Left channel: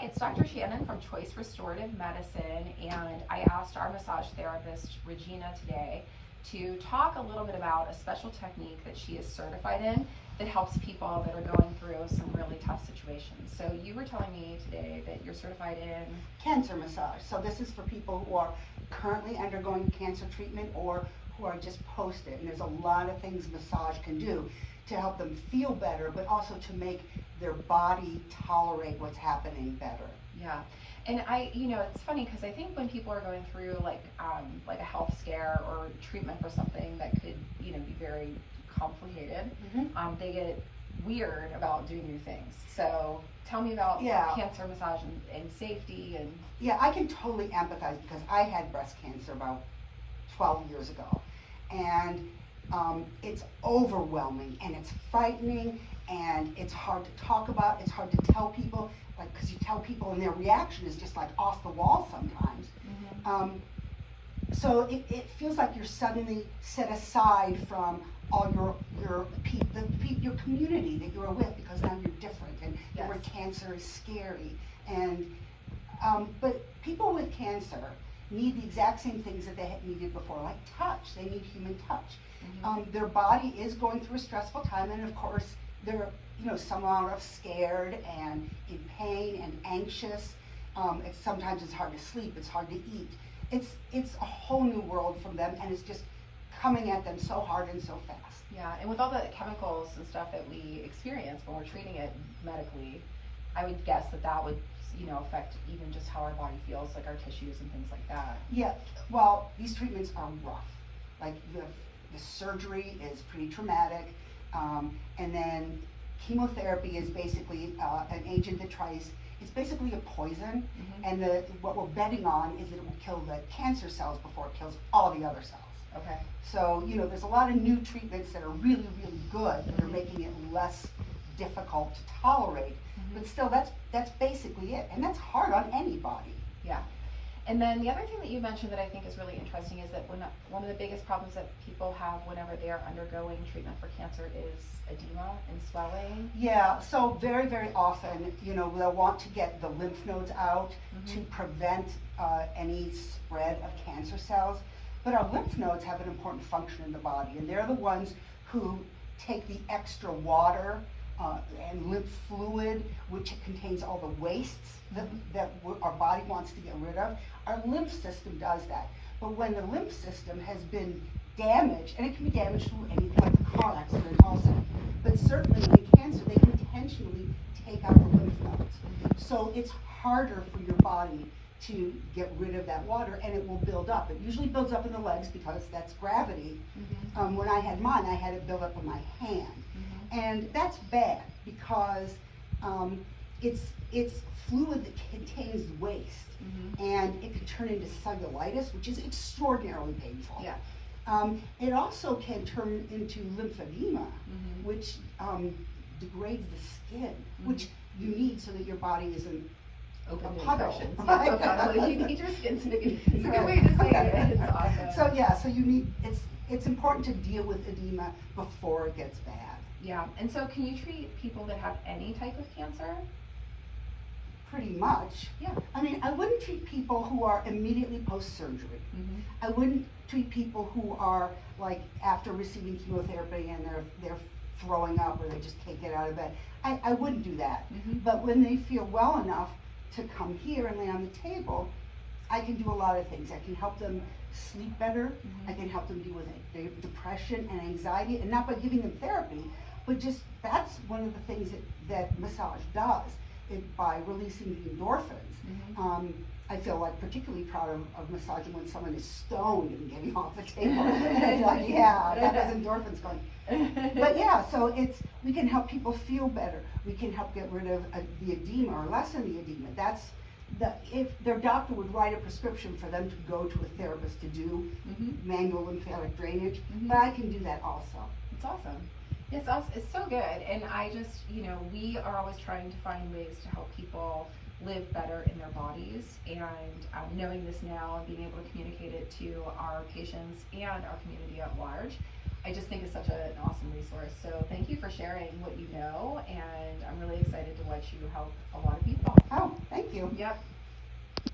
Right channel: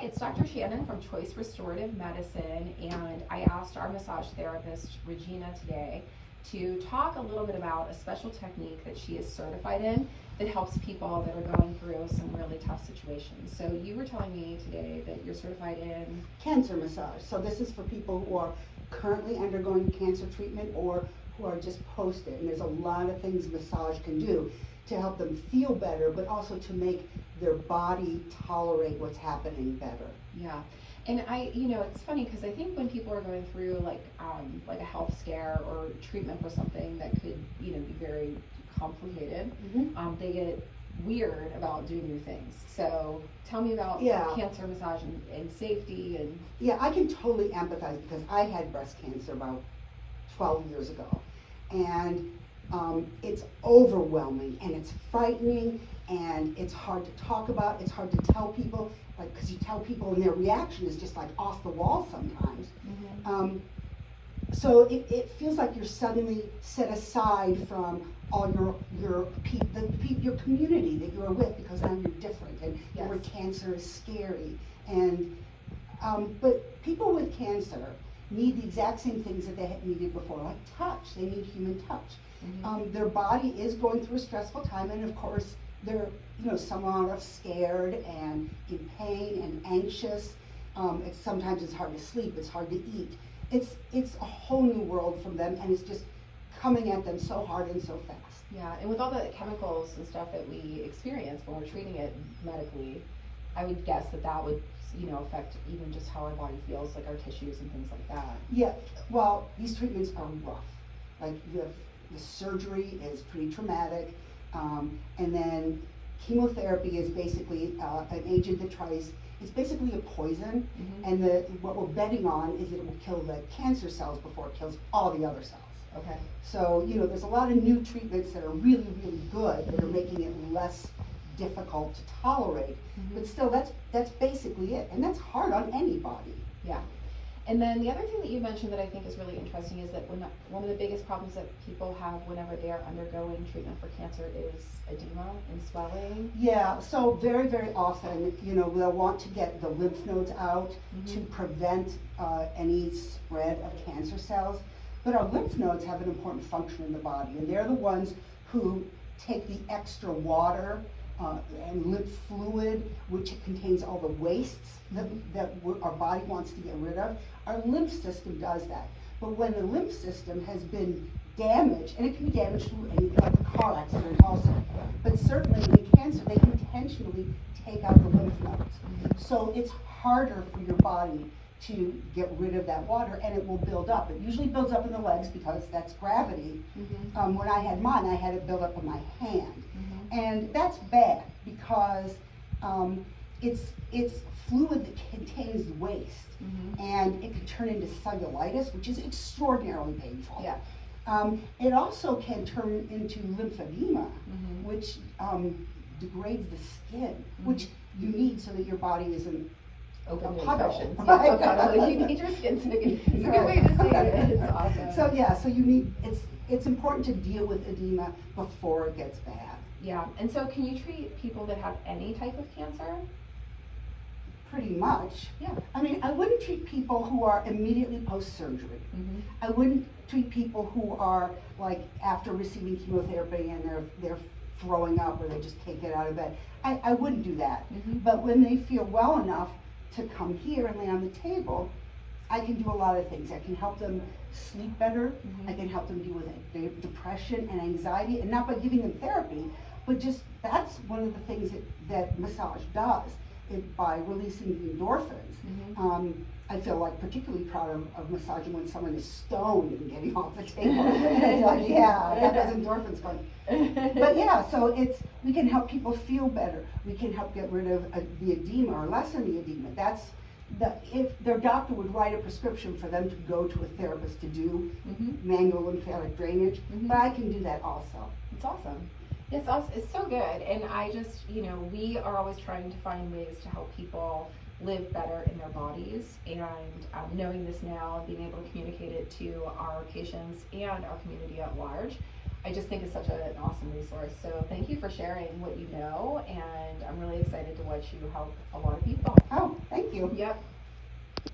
Hi, it's Dr. Shannon from Choice Restorative Medicine, and I asked our massage therapist, Regina, today to talk a little bit about a special technique that she is certified in that helps people that are going through some really tough situations. So you were telling me today that you're certified in cancer massage. So this is for people who are currently undergoing cancer treatment or who are just post it. And there's a lot of things massage can do to help them feel better, but also to make their body tolerate what's happening better. Yeah. And it's funny because I think when people are going through like a health scare or treatment for something that could, be very complicated, they get weird about doing new things. So tell me about cancer massage and safety and. Yeah, I can totally empathize because I had breast cancer about 12 years ago. And it's overwhelming and it's frightening and it's hard to talk about. It's hard to tell people, like, because you tell people and their reaction is just like off the wall sometimes. So it feels like you're suddenly set aside from all your community that you're with, because now you're different and the word cancer is scary. And but people with cancer need the exact same things that they had needed before, like touch. They need human touch. Their body is going through a stressful time, and of course they're some are scared and in pain and anxious. Sometimes it's hard to sleep, it's hard to eat. It's a whole new world from them, and it's just coming at them so hard and so fast. Yeah, and with all the chemicals and stuff that we experience when we're treating it medically, I would guess that would affect even just how our body feels, like our tissues and things like that. Yeah, well, these treatments are rough. Like the surgery is pretty traumatic, and then chemotherapy is basically an agent that it's basically a poison, and what we're betting on is that it will kill the cancer cells before it kills all the other cells. Okay. So, there's a lot of new treatments that are really, really good that are making it less difficult to tolerate, but still that's basically it, and that's hard on anybody. Yeah. And then the other thing that you mentioned that I think is really interesting is that one of the biggest problems that people have whenever they are undergoing treatment for cancer is edema and swelling. Yeah, so very, very often, they'll want to get the lymph nodes out to prevent any spread of cancer cells. But our lymph nodes have an important function in the body, and they're the ones who take the extra water and lymph fluid, which contains all the wastes that our body wants to get rid of. Our lymph system does that. But when the lymph system has been damaged, and it can be damaged through anything like a car accident also, but certainly in cancer, they intentionally take out the lymph nodes. So it's harder for your body to get rid of that water, and it will build up. It usually builds up in the legs because that's gravity. When I had mine, I had it build up in my hand. And that's bad because it's fluid that contains waste, and it can turn into cellulitis, which is extraordinarily painful. Yeah. It also can turn into lymphedema, which degrades the skin, which you need so that your body isn't open to puddle. infections. Yeah, puddle. You need your skin to be. It's a good way to say it. It's awesome. So you need it's important to deal with edema before it gets bad. Yeah, and so can you treat people that have any type of cancer? Pretty much. Yeah. I mean, I wouldn't treat people who are immediately post-surgery. I wouldn't treat people who are like after receiving chemotherapy and they're throwing up or they just can't get out of bed. I wouldn't do that. But when they feel well enough to come here and lay on the table, I can do a lot of things. I can help them sleep better. I can help them deal with depression and anxiety, and not by giving them therapy, but just that's one of the things that massage does. By releasing the endorphins. I feel like particularly proud of massaging when someone is stoned and getting off the table. It's like, yeah, that has endorphins going. But yeah, so we can help people feel better. We can help get rid of the edema or lessen the edema. If their doctor would write a prescription for them to go to a therapist to do manual lymphatic drainage, but I can do that also. It's awesome. It's so good, and I just, we are always trying to find ways to help people live better in their bodies, and knowing this now and being able to communicate it to our patients and our community at large, I just think it's such an awesome resource. So thank you for sharing what you know, and I'm really excited to watch you help a lot of people. Oh, thank you. you. Yep.